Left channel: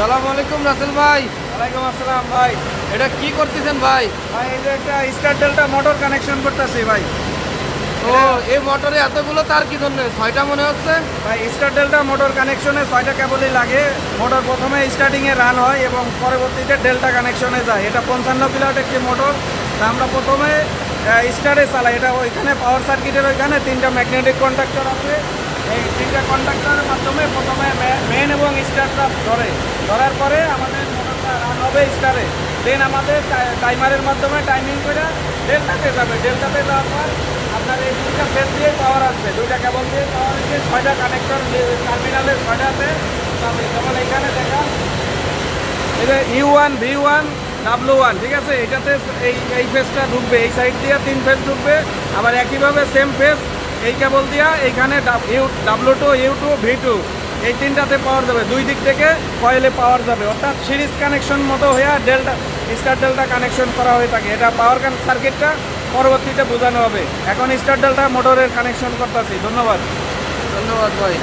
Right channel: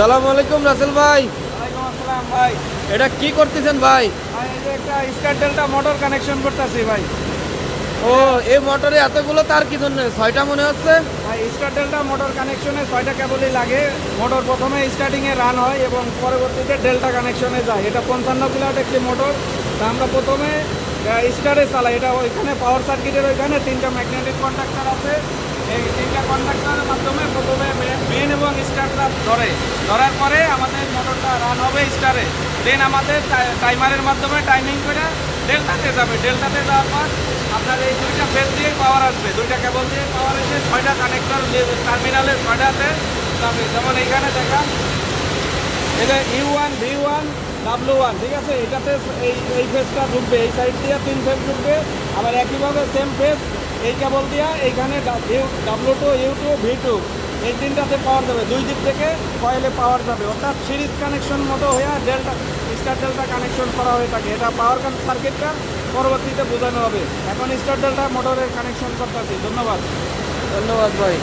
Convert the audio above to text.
সালাম আলাইকুম রাসেল ভাই। ওয়ালাইকুম আসসালাম ভাই। এটা কি করতেছেন ভাই? ভাই এই যে একটা স্টার ডেল্টা মোটর কানেকশন করতেছি ভাই। ও, এই মোটরে এতগুলো তার কি জন্য? 6টা মনে হচ্ছে। ভাই স্টার ডেল্টা মোটর কানেকশনে 6টা কেবলই লাগে। মোটর প্রথমে স্টার্টিংয়ে রান হয় এবং পরবর্তীতে ডেল্টা কানেকশনে যায়। এটা 55 কিলোওয়াট একটি মোটর। তা আমরা প্রথমে স্টারে চালাই। এটা ওইখানে পাওয়ার সার্কিটের ওইখানে 3টা ম্যাগনেটিক কন্ডাক্টর আছে। এই 3টা কন্ডাক্টরের মাধ্যমে প্রথমে মেন এবং স্টারটা ধরার পরে আমাদের মোটরটা রান হবে স্টারে। দেন আমাদের টাইমারের মাধ্যমে টাইমিং করে ডেল্টাতে যাবে। ডেল্টাতে যাওয়ার পর আপনার এই 2টা ফেজ দিয়ে পাওয়ার আসবে, 2টা কেবল দিয়ে পাওয়ার এসে 6টা কানেক্টর টার্মিনালে 6টাতে যাবে। যেমন এইখানে দেখান, এই যে U1 V1 W1, ঠিক আছে। এটাতে এই ফেজটা ঢুকবে, এই সাইড দিয়ে 3 ফেজ ঢুকবে। আবার একইভাবে সেম ফেজ এই কেবল দিয়া এইখানে W2 U2 V2 এই 3টাতে পাওয়ার যাবে। 2 দিক থেকে কয়েলে পাওয়ার যাবে, অর্থাৎ সিরিজ কানেকশন মতো হয়ে ডেল্টা স্টার ডেল্টা কানেকশন করা হয়ে থাকে। এটা পাওয়ার সার্কিটটা পরবর্তীতে বোঝানো হবে। এখন স্টার ডেল্টা মোটরের কানেকশন করতেছি। ধন্যবাদ। ধন্যবাদ ভাই।